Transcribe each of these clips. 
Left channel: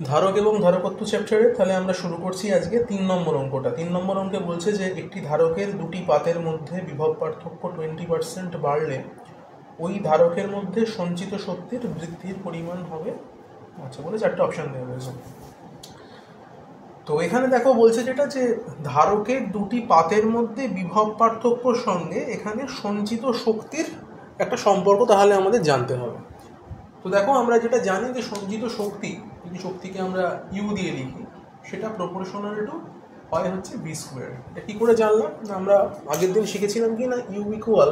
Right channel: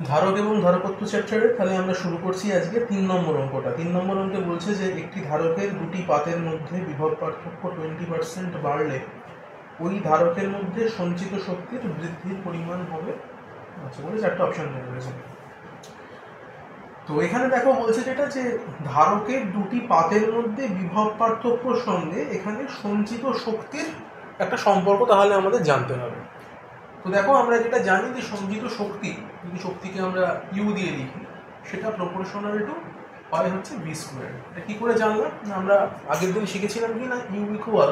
ধারক এবং ধারকত্ব চ্যাপ্টারে তাহলে আমরা শুরু করছি আজকে 3 নম্বর অঙ্কটা। 3 নম্বর অঙ্কে বলছে যে একটি ধারকের দুটি পাতের মধ্যে বিভব পার্থক্য 20% বাড়লে ওই ধারকের মধ্যে সঞ্চিত শক্তির বৃদ্ধির পরিমাণ হবে। আচ্ছা, বলে 4টে অপশন দেওয়া রয়েছে। তো এখানে দেখো বলছে যেটা যে ধারকের দুটি পাতের মধ্যে বিভব পার্থক্যর সঙ্গে এখানে সঞ্চিত শক্তির একটা সম্পর্ক তাহলে আমাদের জানতে হবে। তো দেখো আমরা যেটা জানি যে সঞ্চিত শক্তি, যদি শক্তিকে আমরা ইউ দিয়ে লিখি, সেটা প্রপোর্শনাল টু হয় হচ্ছে ভি স্কোয়ার। এটা কী করে জানলাম? আমরা আগের দিন শিখেছিলাম কি না, U equal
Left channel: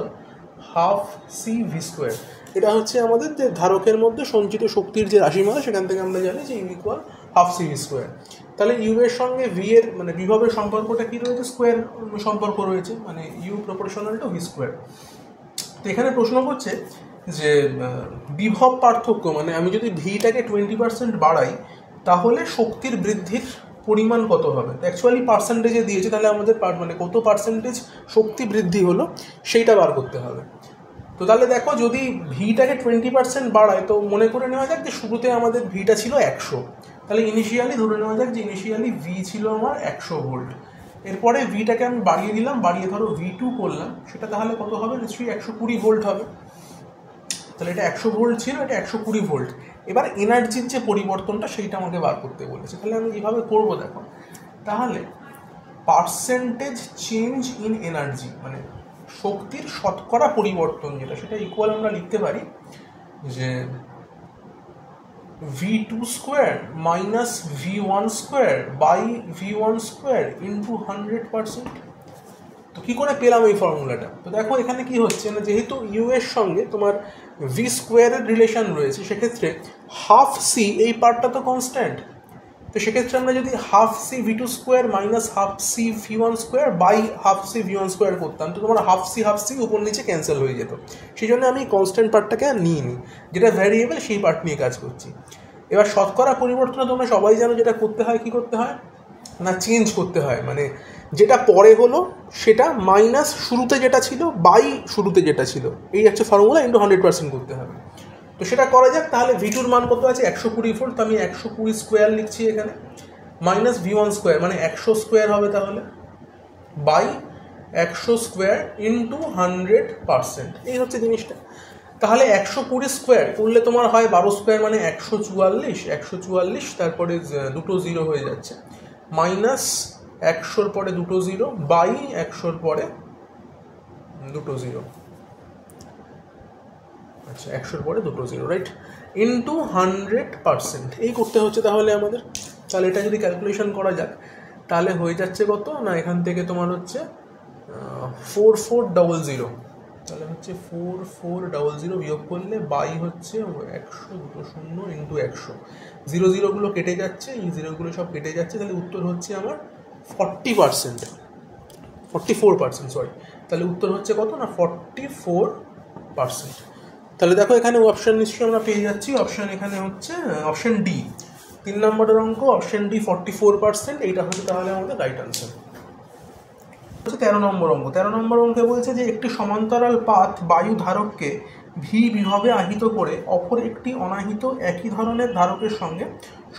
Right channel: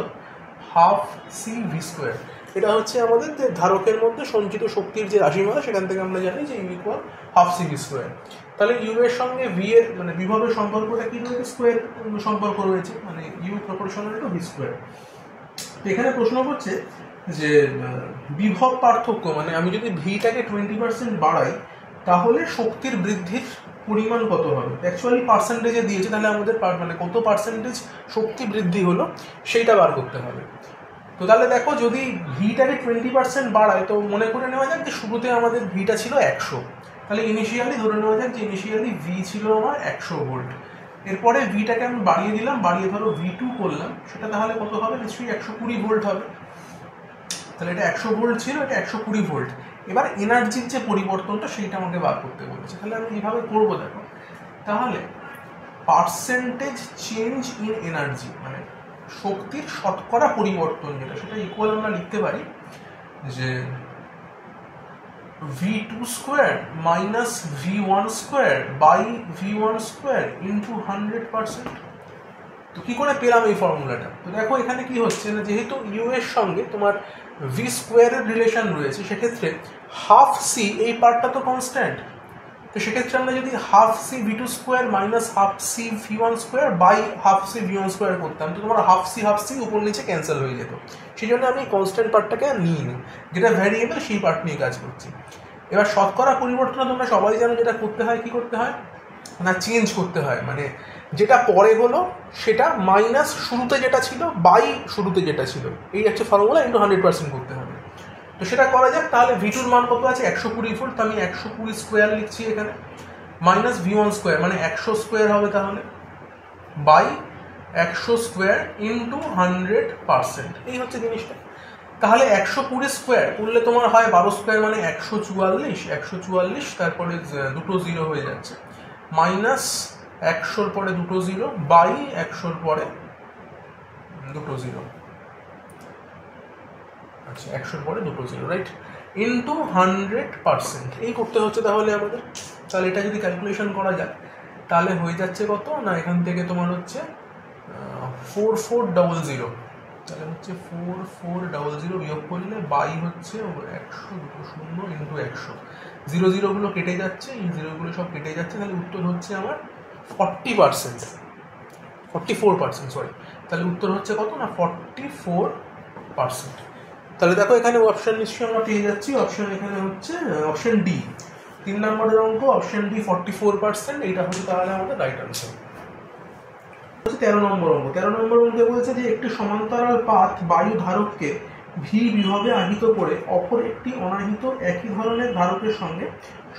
half C V square. এটা হচ্ছে আমাদের যে ধারকের মধ্যে সঞ্চিত শক্তির যে রাশিমালা, সেখান থেকে আমরা জানি যে U equal half C V square. তাহলে ইউ এর সঙ্গে ভি এর মানে বিভবের সম্পর্কটা কী রয়েছে? স্কোয়ার সম্পর্ক রয়েছে, মানে U proportional to V square. তো এখানে প্রশ্ন হচ্ছে যে বিভব পার্থক্য, মানে আমি যদি ভিটাকে 20% বাড়াই তাহলে শক্তির বৃদ্ধির পরিমাণ কত হবে? অ্যাকচুয়ালি পার্সেন্টেজে দিয়েছে, তাহলে আমাদের মানে কত পার্সেন্টেজ শক্তি বৃদ্ধি হলো সেইটা বার করতে হবে। তো তাহলে দেখো যদি ভিটাকে 20% বাড়ায়, তো মনে করে নেওয়া যাক যে শুরুতে আমাদের ভিটা ছিল 100, তাহলে ইনিশিয়ালি ধরে নেওয়া যাক যে ইনিশিয়ালি ভি ছিল আমার 100 ভোল্ট। এরপরে ভিটাকে আমি বাড়িয়ে দিলাম, বাড়িয়ে ধরো V2 করলাম, সেটা তাহলে কত হবে? নিশ্চয়ই 120 ভোল্ট হবে। তাহলে এটা 100 ভোল্ট ছিল, এটা 120 ভোল্ট। এবার এনার্জির যে পরিবর্তনটা সেইটা আমাকে বার করতে বলেছে। তাহলে আমি এইভাবে করবো, দেখো তাহলে পার্সেন্টেজ চেঞ্জ ইন এনার্জি, মানে শক্তির শতকরা পরিবর্তন যেটা, সেটা ইকুয়াল আমরা লিখতে পারি যে V2 square minus V1 square by V1 square into 100%। তো কী করে পেলাম এই ফর্মুলাটা? তো দেখো এখানে কি হচ্ছে না, যেহেতু ইউ এর সঙ্গে তোমার ভি স্কোয়ারের রিলেশন রয়েছে, সেক্ষেত্রে হাফ সি এই পার্টটা তো কনস্ট্যান্ট। তো সেক্ষেত্রে আমরা যদি half C V two square minus half C V one square by half C V one square করতাম, তো তোমার হাফ সি উপর নিচে ক্যান্সেল হয়ে যেত। সেই জন্য আমি কনস্ট্যান্ট পার্টটাকে আর নিইনি, যেটা ভ্যারিয়েবল সেই পার্ট নিয়ে কাজ করছি। এবার শতকরা পরিবর্তন তোমরা সবাই জানো যেটা করতে হয়, কি করতে হয় না, চেঞ্জ করতে হয়, মানে যেটা পরে হলো সেটা মাইনাস শুরুতে যেটা ছিল বাই শুরুতে যেটা ছিল, এই হচ্ছে ফর্মুলা, ইন্টু 100% করতে হবে। তো সেটা করা যাক। তাহলে V2 মান কত আছে? 120 ভোল্ট। তো আমি 120 স্কোয়ার লিখছি এখানে, মাইনাস V1 স্কোয়ার মানে 100 স্কোয়ার হবে, তাহলে বাই 100 স্কোয়ার ইন্টু 100%, এই হচ্ছে জিনিসটা। তাহলে 120 স্কোয়ার করলে তোমার হয় 12 স্কোয়ার মানে 144, তারপরে দুটো জিরো হয়ে যাচ্ছে, মাইনাস 100-র পরে দুটো জিরো বাই 100-র পরে দুটো জিরো, আচ্ছা 100-র পরে দুটো জিরো, রাইট, ইন্টু 100%, এই করতে হচ্ছে তাহলে আমাদের। তাহলে এটা যদি ক্যালকুলেশন করা যাক তাহলে হয়ে যাচ্ছে কত না, এখান থেকে তোমার হচ্ছে 4400, তাহলে হচ্ছে 4400 বিয়োগ করলে বাই হচ্ছে 100, দুটো শূন্য ইন্টু 100, জিরো জিরোগুলো কেটে যাচ্ছে, এই জিরোগুলো সব কেটে যাচ্ছে, তাহলে উত্তর হচ্ছে আমার 44%, সরি। তাহলে উত্তর হচ্ছে কত না, 44%। তাহলে দেখো এখানে অপশন নিশ্চয়ই আমরা পেয়ে যাচ্ছি। অপশন এখানে হচ্ছে অপশন ডি, 3 নম্বরের অঙ্ক, অপশন ডি 44%, এইটা হচ্ছে তাহলে আমাদের রাইট আনসার। 13 নম্বর অঙ্ক। 13 নম্বর অঙ্কে বলছে যে একটি সমান্তরাল পাত বায়ু ধারককে ভি বিভবে আহিত করে অপর একটি অনাহিত একই ধরনের ধারকের সঙ্গে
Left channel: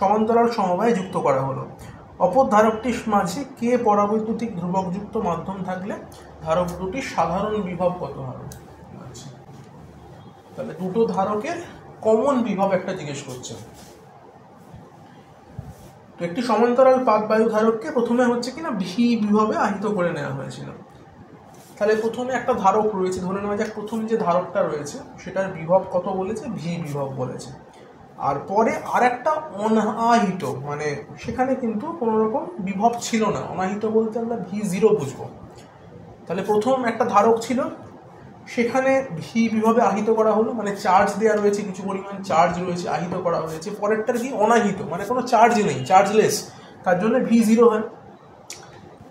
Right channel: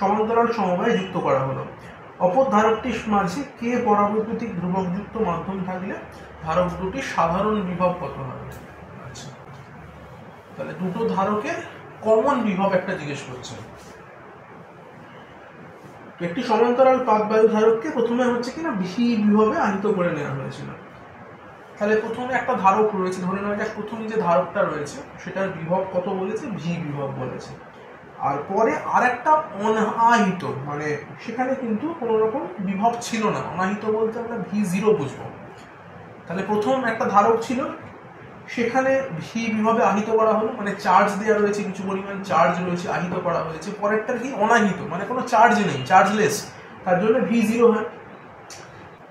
সমান্তরাল সমবায়ে যুক্ত করা হলো। অপর ধারকটির মাঝে কে পরাবৈদ্যুতিক ধ্রুবকযুক্ত মাধ্যম থাকলে ধারক দুটির সাধারণ বিভব কত হবে? আচ্ছা, তাহলে দুটো ধারকের কমন বিভব একটা জিজ্ঞেস করছে। তো একটি সমান্তরাল পাত বায়ু ধারককে প্রথমে হচ্ছে কিনা ভি বিভবে আহিত করে নেওয়া হয়েছিল। তাহলে প্রথমে একটা ধারক রয়েছে, ধরে নেওয়া যাক প্রথম যে ধারকটা রয়েছে সেটার বিভব কত বলেছে? ভি বিভব বলেছে। আর পরে আর একটা অনাহিত, মানে সেখানে কিন্তু কোনো রকম বিভব ছিল না, অনাহিত বলতে আমরা V0 বুঝবো। তাহলে প্রথম একটা ধারক ছিল, সেখানে ভি বিভবে আহিত করা হলো, মানে চার্জ দেওয়া রয়েছে, কিছু পরিমাণ চার্জ রয়েছে, আহিত করা হয়েছে। পরেরটার কি অনাহিত, মানে কোনো চার্জ নেই, চার্জলেস, তার জন্য V0 হয়।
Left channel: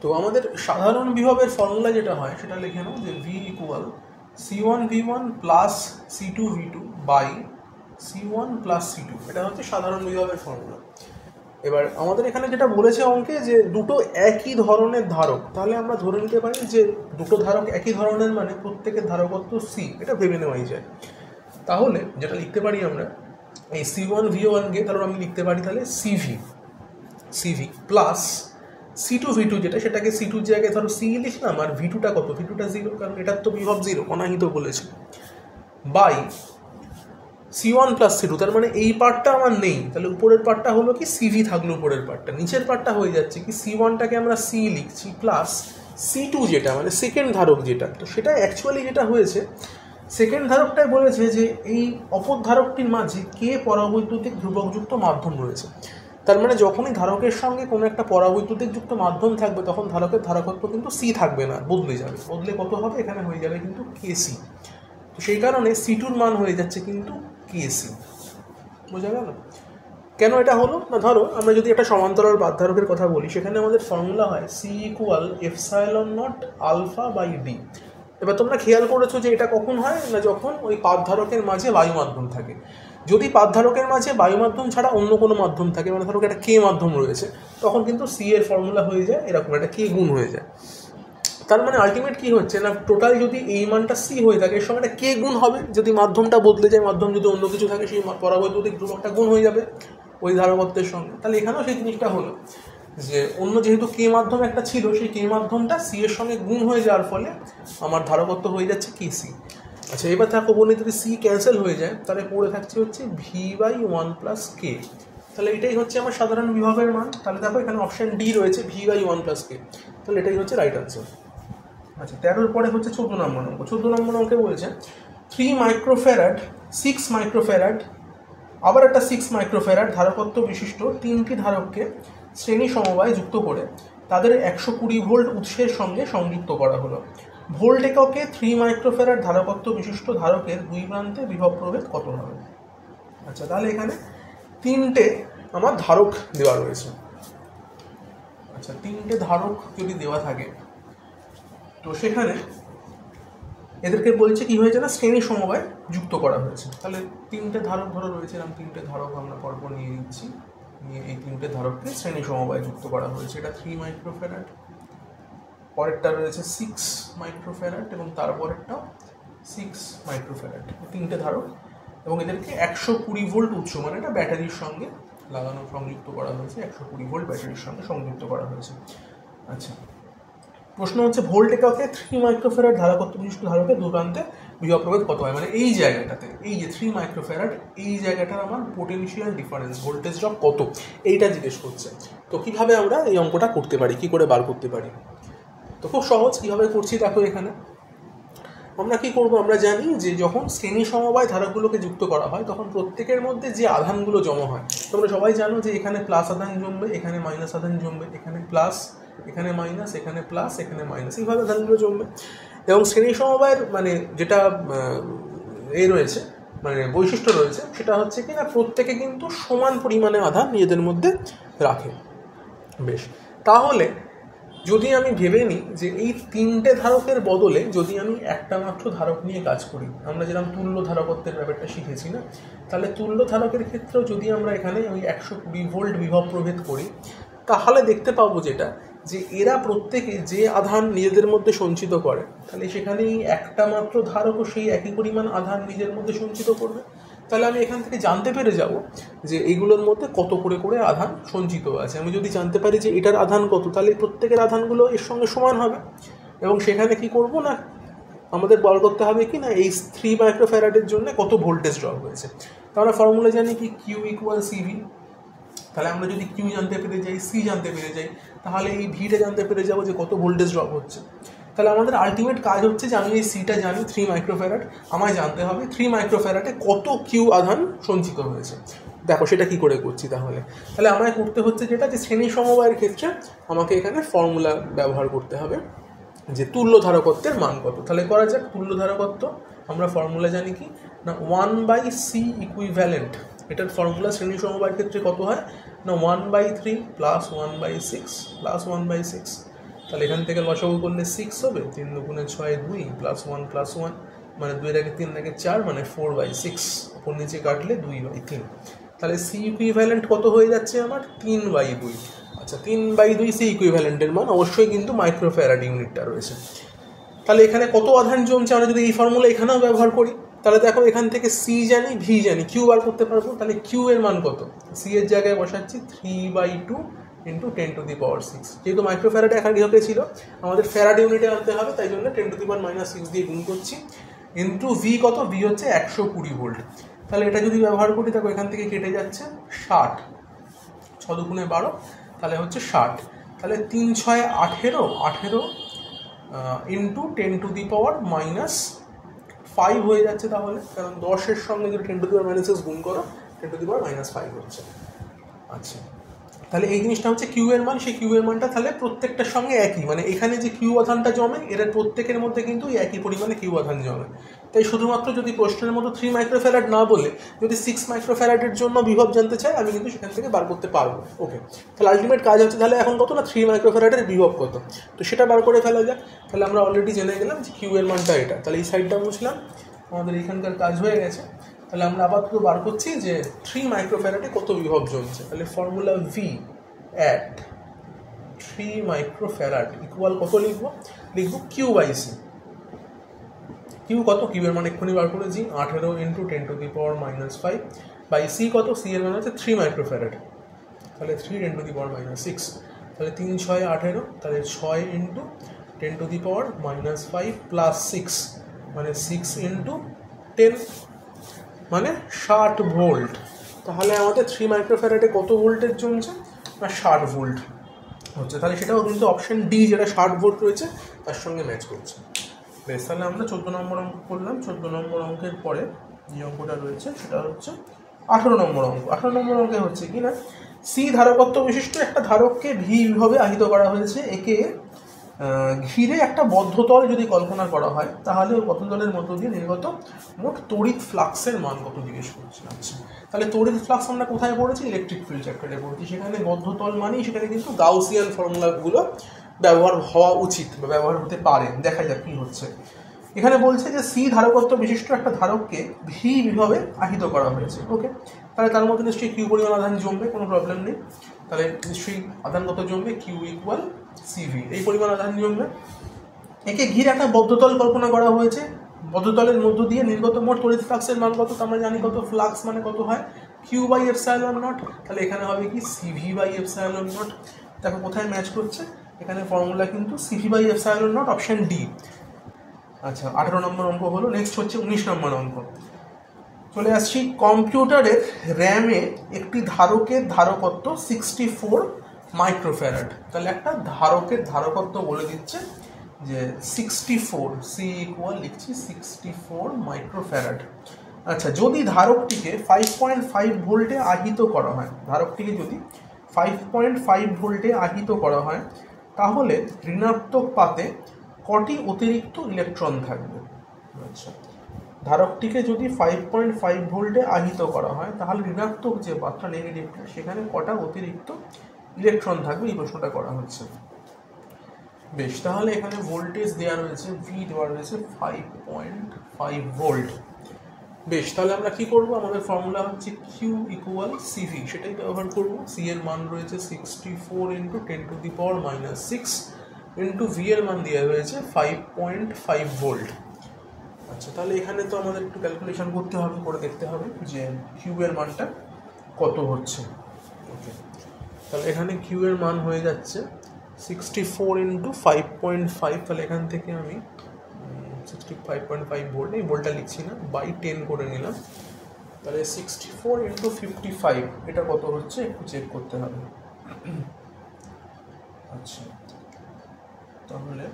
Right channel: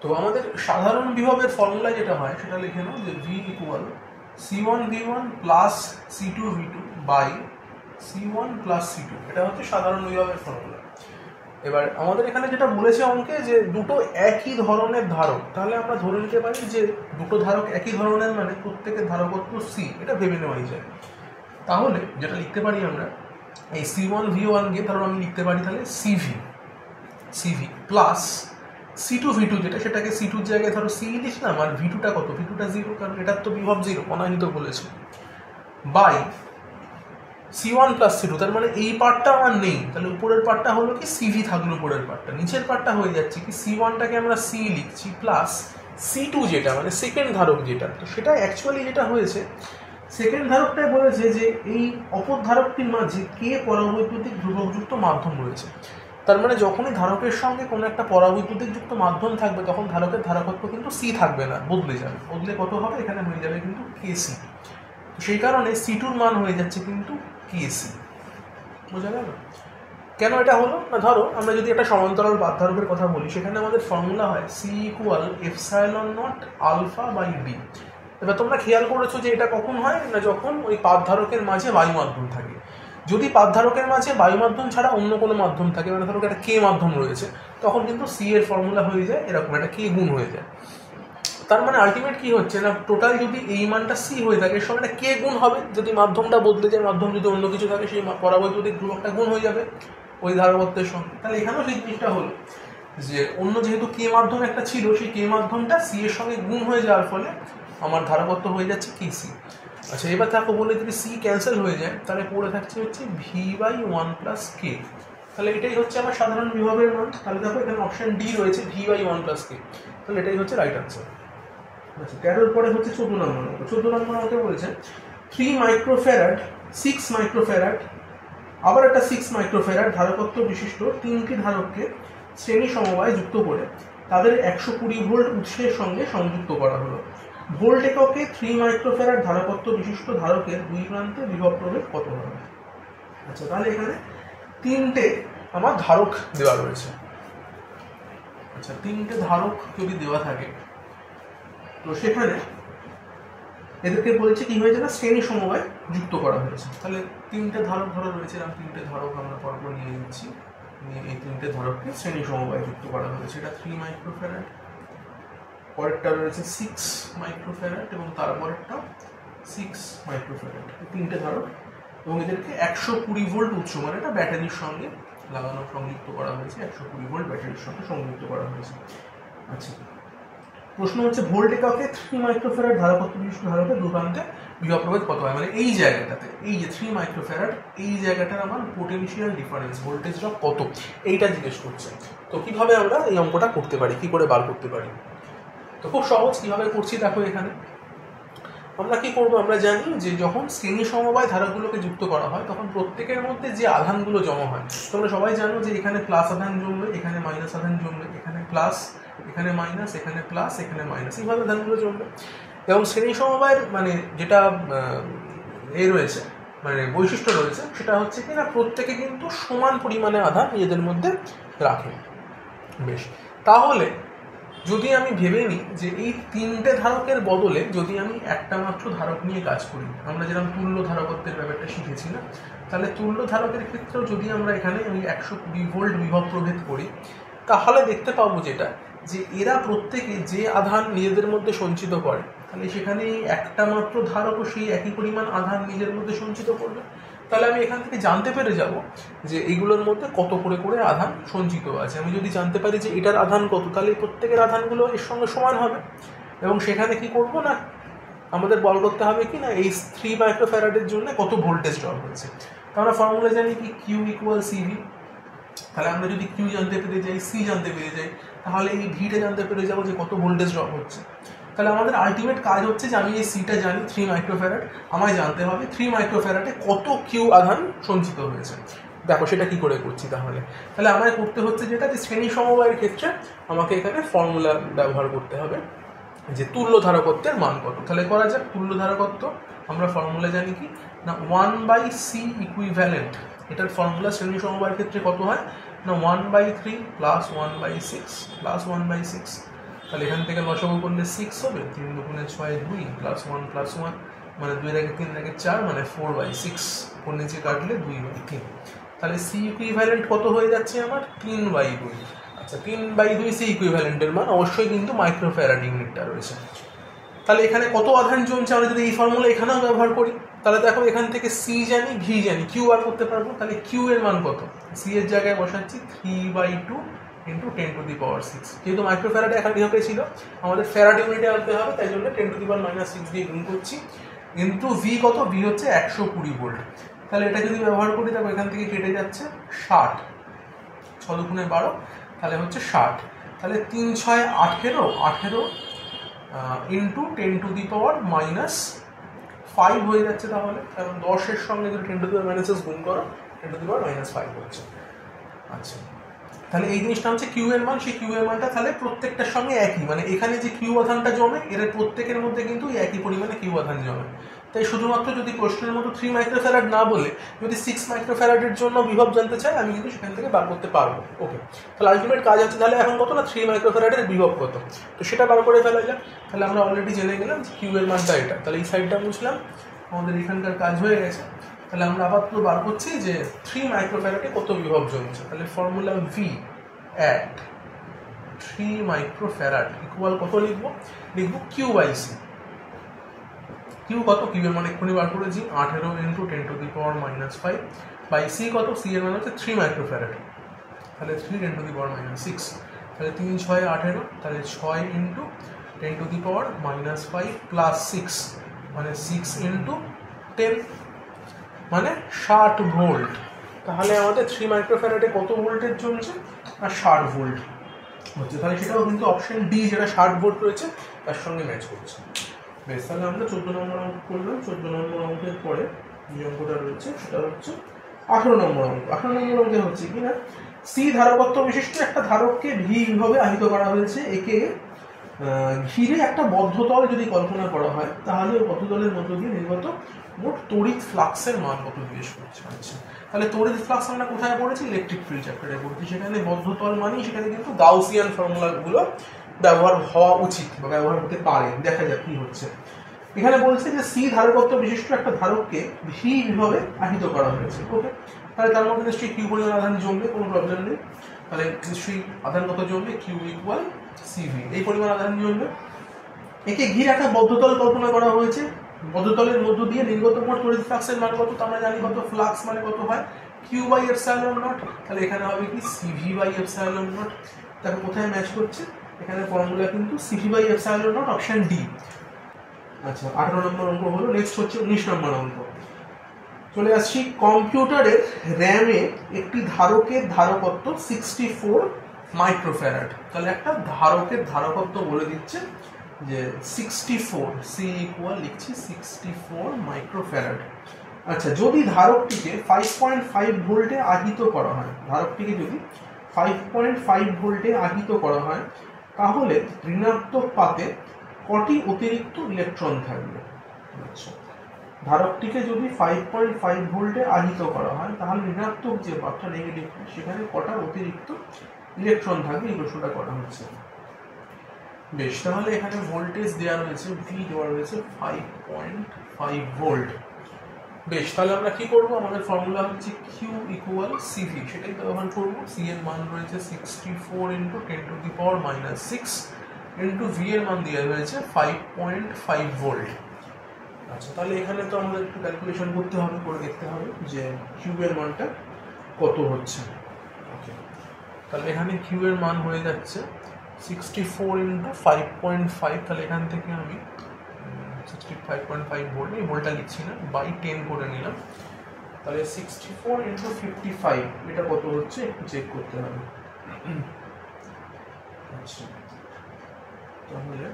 তো আমাদের সাধারণ বিভবের ফর্মুলা যেটা হয় সেটা লিখে নাও যে V equal C1 V1 plus C2 V2 by C1 plus C2, এটা হচ্ছে সাধারণ বিভবের ফর্মুলা। এবার আমাদের এখানে যেটা বলেছে অঙ্কে যে দুটো একই ধরনের ধারক, তাহলে আমরা ধরে নিতে পারি যে দুটো ধারক একই ধরনের মানে প্রত্যেকের ধারকত্ব C, এটা ভেবে নেওয়াই যায়। তাহলে যেটা লিখতে পারি আমরা এই C1V1কে তাহলে আমি লিখতে পারি তাহলে সিভি প্লাস C2V2 যেটা, সেটাকে C2 জায়গায় ধরো সি লিখলাম, আর V2টা কত, V2টা 0, কারণ এটার তো বিভব 0, অনাহিত বলেছে, বাই C1 প্লাস C2, তার মানে এই পার্টটা আমার নেই, তাহলে উপরের পার্টটা হলো কি সিভি থাকলো উপরের পার্টটা, নিচের পার্টটা হয়ে যাচ্ছে কি C1টাকে আমরা সি লিখছি প্লাস C2 যেটা মানে সেকেন্ড ধারক যেটা, তো সেটা অ্যাকচুয়ালি যেটা হয়েছে সেকেন্ড ধারকটাই বলেছে যে এই অপর ধারকটির মাঝে কে পরাবৈদ্যুতিক ধ্রুবকযুক্ত মাধ্যম রয়েছে। তার মানে যখনই ধারকের সঙ্গে কোনো একটা পরাবৈদ্যুতিক যুক্ত মাধ্যম থাকবে তখন ধারকের ধারকত্ব কিন্তু সি থাকবে না, বদলে যাবে, বদলে কত হবে, এখানে হয়ে যাবে কিন্তু কেসি। তো সেই কারণে C2-র মান হয়ে যাচ্ছে কিন্তু কেসি। বোঝা গেল কেন এটা হলো? না ধরো আমরা যদি একটা সমান্তরাল বাধারকের কথা বলি, সেখানে আমাদের ফর্মুলা হয় C=ε0 α/d। এবার তোমরা খেয়াল করেছো যে এটা কখন হয় না, যখন ওই পাতধারকের মাঝে বায়ু মাধ্যম থাকে। যদি পাতধারকের মাঝে বায়ু মাধ্যম ছাড়া অন্য কোনো মাধ্যম থাকে, মানে ধরো একটা কে মাধ্যম রয়েছে, তখন কিন্তু সি এর ফর্মুলা হয়ে যায় এরকম, একটা কে গুণ হয়ে যায়। তার মানে আলটিমেট কি হচ্ছে না, টোটাল যদি এই মানটা সি হয়ে থাকে এর সঙ্গে একটা কে গুণ হবে, যদি মাধ্যমটা বদলে যায়, মাধ্যম যদি অন্য কিছু থাকে সেই পরাবৈদ্যুতিক ধ্রুবকটা গুণ হয়ে যাবে ওই ধারকত্বের সঙ্গে। তাহলে এখানেও সেই জিনিসটা হলো যে অন্য যেহেতু কে মাধ্যম একটা ছিল, সেই কে মাধ্যমটা সি এর সঙ্গে গুণ হয়ে যাওয়ার ফলে আমার ধারকত্ব হয়ে যাচ্ছে কেসি। আচ্ছা এবার থাকো বলে যদি সি ক্যান্সেল হয়ে যায় তাহলে পড়ে থাকছে হচ্ছে V/1 + k। তাহলে এটাই হচ্ছে আমার সাধারণ বিভবের মান। তাহলে দেখো এখানে অপশন ডি রয়েছে V/1 + k, তাহলে এটাই হচ্ছে রাইট আনসার। আচ্ছা 13-র পরে হচ্ছে 14 নম্বর অঙ্ক। 14 নম্বর অঙ্কে বলছে 3 মাইক্রোফ্যারাড, 6 মাইক্রোফ্যারাড, আবার একটা 6 মাইক্রোফ্যারাড ধারকত্ব বিশিষ্ট তিনটি ধারককে শ্রেণী সমবায়ে যুক্ত করে তাদের 120 ভোল্ট উৎসের সঙ্গে সংযুক্ত করা হলো। ভোল্ট এককে 3 মাইক্রোফ্যারাড ধারকত্ব বিশিষ্ট ধারকের দুই প্রান্তে বিভব প্রভেদ কত হবে? আচ্ছা তাহলে এখানে তিনটে আমার ধারক দেওয়া রয়েছে। আচ্ছা তিনটে ধারক যদি দেওয়া থাকে তো সেখানে এদেরকে বলছে কি হয়েছে না, শ্রেণী সমবায় যুক্ত করা হয়েছে। তাহলে তিনটে ধারক ধরো রয়েছে, এরকম তিনটে ধারক আমরা পরপর নিয়ে নিচ্ছি, নিয়ে এই তিনটে ধারককে শ্রেণী সমবায় যুক্ত করা হয়েছে। এটা 3 মাইক্রোফ্যারাড, পরেরটা রয়েছে 6 মাইক্রোফ্যারাড এবং তারপরেরটাও 6 মাইক্রোফ্যারাড, তিনটে ধারক, এবং এদেরকে 120 ভোল্ট উৎস মানে এটা ব্যাটারির সঙ্গে লাগানো সংযুক্ত করা হয়েছে, 120 ভোল্ট ব্যাটারির সঙ্গে সংযুক্ত করা হয়েছে। আচ্ছা প্রশ্ন হচ্ছে ভোল্ট এককে 3 মাইক্রোফ্যারাড ধারকত্ব বিশিষ্ট ধারকের দু প্রান্তে বিভব প্রভেদ কত হয়, মানে এই জায়গাটাতে, এই যে 3 মাইক্রোফ্যারাড এই জায়গাটার আমার পোটেনশিয়াল ডিফারেন্স ভোল্টেজ ড্রপ কত, এইটা জিজ্ঞেস করছে। তো কিভাবে আমরা এই অঙ্কটা করতে পারি, কি করে বার করতে পারি? তো খুব সহজ, কিভাবে করছি দেখো। এখানে আমরা কি করব, আমরা জানি যে যখন শ্রেণী সমবায় ধারকগুলোকে যুক্ত করা হয় তখন প্রত্যেকের মধ্যে যে আধানগুলো জমা হয়, তোমরা সবাই জানো যে এখানে প্লাস আধান জমবে, এখানে মাইনাস আধান জমবে, এখানে প্লাস, এখানে মাইনাস, এখানে প্লাস, এখানে মাইনাস, এইভাবে আধানগুলো জমবে। এবং শ্রেণী সমবায়ের মানে যেটা রয়েছে, মানে বৈশিষ্ট্য রয়েছে, সেটা হচ্ছে কি না প্রত্যেকে কিন্তু সমান পরিমাণে আধান নিজেদের মধ্যে রাখে। বেশ, তাহলে যদি আমি ভেবে নিই যে এই তিনটে ধারকের বদলে যদি আমি একটা মাত্র ধারক নিয়ে কাজ করি, আমরা যেরকম তুল্য ধারকত্বের ব্যাপারটা শিখেছি না, তাহলে তুল্য ধারকের ক্ষেত্রেও যদি আমরা এখানে ওই 120 ভোল্ট বিভব প্রভেদ করি, তাহলে দেখতে পাবো যেটা যে এরা প্রত্যেকে যে আধান নিজেদের মধ্যে সঞ্চিত করে, তাহলে সেখানে একটা মাত্র ধারকও সেই একই পরিমাণ আধান নিজের মধ্যে সঞ্চিত করবে। তাহলে আমি এখান থেকে জানতে পেরে যাব যে এইগুলোর মধ্যে কত করে করে আধান সঞ্চিত আছে। আমি যদি জানতে পারি যে এটার আধান কত, তাহলে প্রত্যেকের আধানগুলো এর সঙ্গে সমান হবে। এবং সেখানে কি করব না, আমাদের বল করতে হবে কি না এই 3 মাইক্রোফ্যারাডের জন্য কত ভোল্টেজ ড্রপ হয়েছে। আমরা ফর্মুলা জানি কি Q = CV। তাহলে আমরা যদি Q জানতে পেরে যাই, C জানতে পেরে যাই, তাহলে এই Vটা জানতে পেরে যাবো যে কত ভোল্টেজ ড্রপ হচ্ছে। তাহলে আমাদের আলটিমেট কাজ হচ্ছে যে আমি এই সিটা জানি 3 মাইক্রোফ্যারাড, আমায় জানতে হবে 3 মাইক্রোফ্যারাডে কত কিউ আধান সঞ্চিত হয়েছে। দেখো সেটা কি করে করছি, তাহলে আমায় করতে হচ্ছে যেটা যে শ্রেণী সমবায়ের ক্ষেত্রে আমাকে এখানে ফর্মুলা ব্যবহার করতে হবে যে তুল্য ধারকত্বের মান কত। তাহলে করা যাক তুল্য ধারকত্ব, আমরা ফর্মুলা জানি কি না 1/c ইকুইভ্যালেন্ট, এটার ফর্মুলা শ্রেণী সমবায়ের ক্ষেত্রে কত হয় না 1/3 + 1/6 + 1/6। তাহলে এখান থেকে লসাগু করলে 6 হবে, 3 × 6 2 + 1 + 1 মানে 2 এর আগে 3 এর আগে 4 মানে 4/6, উপর নিচে কাটলে 2/3। তাহলে সি ইকুইভ্যালেন্ট কত হয়ে যাচ্ছে আমার 3/2। আচ্ছা 3/2 সি ইকুইভ্যালেন্টের মান অবশ্যই কিন্তু মাইক্রোফ্যারাড ইউনিটটা রয়েছে। তাহলে এখানে কত আধান জমছে আমরা যদি এই ফর্মুলা এখানেও ব্যবহার করি তাহলে দেখো এখান থেকে সি জানি, ভি জানি, কিউ বার করতে পারবো। তাহলে কিউ এর মান কত? সি এর জায়গায় বসাচ্ছি 3/2 × 10⁻6। যেহেতু মাইক্রোফ্যারাডে এখানে ডিওকে ছিল, আমাদের ফ্যারাড ইউনিটে আনতে হবে, তাই জন্য 10⁻6 দিয়ে গুণ করছি। ইন্টু ভি কত? ভি হচ্ছে 120 ভোল্ট। তাহলে এটা যদি ব্যবহার করি, তারপর এখান থেকে কেটে যাচ্ছে 60, 6 দুগুণে 12, তাহলে হচ্ছে 60। তাহলে 3 × 6 = 18 ইন্টু 10⁻5 হয়ে যাচ্ছে। তাহলে কারণ 10-এর সঙ্গে যদি 10⁻6 গুণ করো, 10⁻5 হচ্ছে। আচ্ছা, তাহলে এই জিনিসটা হচ্ছে কিউ এর মান। সেই কিউ এর মানটা তাহলে প্রত্যেকটার সঙ্গে একই, মানে এখানে যে কিউ আধানটা জমে, এর প্রত্যেকের মধ্যে কিন্তু একই পরিমাণে কিউ আধান জমে। তাই শুধুমাত্র যদি প্রশ্নের মতো 3 মাইক্রোফ্যারাড না বলে যদি 6 মাইক্রোফ্যারাডের জন্য বিভব জানতে চাই, আমি কিন্তু সেখান থেকে বার করতে পারবো। ওকে, তাহলে আলটিমেট কাজ হচ্ছে তাহলে এখন কত না 3 মাইক্রোফ্যারাডের বিভব কত, তো সেটা বার করে ফেলা যাক। তাহলে আমরা অলরেডি জেনে গেলাম যে কিউ এর মানটা এটা। তাহলে এই সাইডটা মুছলাম, আমাদের এখানকার কাজ হয়ে গেছে। তাহলে আমরা আপাতত বার করছি যে 3 মাইক্রোফ্যারাডে কত বিভব জমছে। তাহলে formula V at 3 microfarad equal কত লিখবো? লিখবো কিউ/সি। কিউ কত? কিউ এর মান এক্ষুনি বার করেছি, 18 × 10⁻5 বাই সি কত? সি এর মান হচ্ছে 3 মাইক্রোফ্যারাড, তাহলে 3 × 10⁻6। তাহলে 3 × 6 = 18, তাহলে 6 × 10⁻5 প্লাস 6 মানে 6 × 10 মানে 60 ভোল্ট। তাহলে আমাদের 3 মাইক্রোফ্যারাডে কত ভোল্টেজ জমছে না 60 ভোল্ট হচ্ছে। তাহলে সেটাও কিন্তু অপশন ডি, যেটা 60 ভোল্ট রয়েছে, তার সঙ্গে ম্যাচ করছে। বেশ, তাহলে আমরা 14 নম্বর অঙ্ক করলাম। 14 নম্বর অঙ্কের পরে যে অঙ্কটা রয়েছে সেটা হচ্ছে 18 নম্বর অঙ্ক। 18 নম্বর অঙ্কে হচ্ছে কি না, সি ধারকত্ব বিশিষ্ট একটা ধারককে ভি বিভবে আহিত করা হয়েছে। একে ঘিরে একটা বদ্ধতল যদি কল্পনা করা হয়, তাহলে বদ্ধতলের মধ্য দিয়ে নির্গত মোট তড়িৎ ফ্লাক্সের মান কত জিজ্ঞেস করছে। আচ্ছা, তাহলে তড়িৎ ফ্লাক্স আমরা কোথায় পড়েছি? ইলেকট্রিক ফিল্ড চ্যাপ্টারে পড়েছি। সেখানে বদ্ধতল মানেই সেখানে কিন্তু গাউসিয়ান ফর্মুলাগুলো ব্যবহার হওয়া উচিত বা ব্যবহার হতে পারে। দেখা যাক কি হচ্ছে। এখানে বলছে যে সি ধারকত্ব বিশিষ্ট একটা ধারককে ভি বিভবে আহিত করা হয়েছে। ওকে, তাহলে তার মধ্যে নিশ্চয়ই কিউ পরিমাণ আধান জমবে, কোনো প্রবলেম নেই। তাহলে নিশ্চয়ই আধান কত জমবে? কিউ ইকুয়াল সিভি, এই পরিমাণ আধান জমবে। একে ঘিরে একটা বদ্ধতল কল্পনা করা হয়েছে। বদ্ধতলের মধ্য দিয়ে নির্গত মোট তড়িৎ ফ্লাক্সের মান কত? আমরা জানি কত, ফ্লাক্স মানে কত হয়? Q/ε0। তাহলে এখানে হবে কি CV/ε0। দেখো কোথায় ম্যাচ করছে, এখানে ফর্মুলা কিন্তু CV/ε0, অপশন ডি। আচ্ছা, 18 নম্বর অঙ্ক হলো। নেক্সট হচ্ছে 19 নম্বর অঙ্ক। চলে আসছি, কম্পিউটারের র্যামে একটি ধারকের ধারকত্ব 64 মাইক্রোফ্যারাড। তাহলে একটা ধারকের ধারকত্ব বলে দিচ্ছে যে 64, সি ইকুয়াল লিখছি 64 মাইক্রোফ্যারাড। আচ্ছা, যদি ধারকটিকে 5.5 ভোল্টে আহিত করা হয়, ধারকটিকে যদি 5.5 ভোল্টে আহিত করা হয়, তাহলে ঋণাত্মক পাতে কটি অতিরিক্ত ইলেকট্রন থাকবে? আচ্ছা, ধারকটিকে যদি 5.5 ভোল্টে আহিত করা হয়, তাহলে ঋণাত্মক যে পাতটা, নেগেটিভ, সেখানে কটা অতিরিক্ত ইলেকট্রন থাকবে, এই প্রশ্নটা করা হচ্ছে। বেশ, তাহলে এখানে ভোল্টেজ দেওয়া রয়েছে, ভি দেওয়া রয়েছে 5.5 ভোল্ট। বেশ, তাহলে আমরা কি করব? আমাদের ফর্মুলা হচ্ছে কিউ ইকুয়াল সিভি, সেটাই ব্যবহার করব। সি এর মান রয়েছে 64 × 10⁻6 ইন্টু ভি এর মান দেওয়া রয়েছে 5.5 ভোল্ট। আচ্ছা, তাহলে এখানে তো আমাদের একটু ক্যালকুলেশন করতে হবে, করে দেখতে হবে যে কিউ এর মানটা কত হচ্ছে। ওকে, তাহলে এখানে কিউ এর মান হয়ে যাচ্ছে 64 × 5.5। তাহলে এখান থেকে আমি 65.5 ভোল্ট, এই ভোল্টটা লিখছি না, বাই 10 করে নিলাম। তাহলে 64 × 55 এটা কত হচ্ছে একটু চেক করতে হবে। আচ্ছা, তাহলে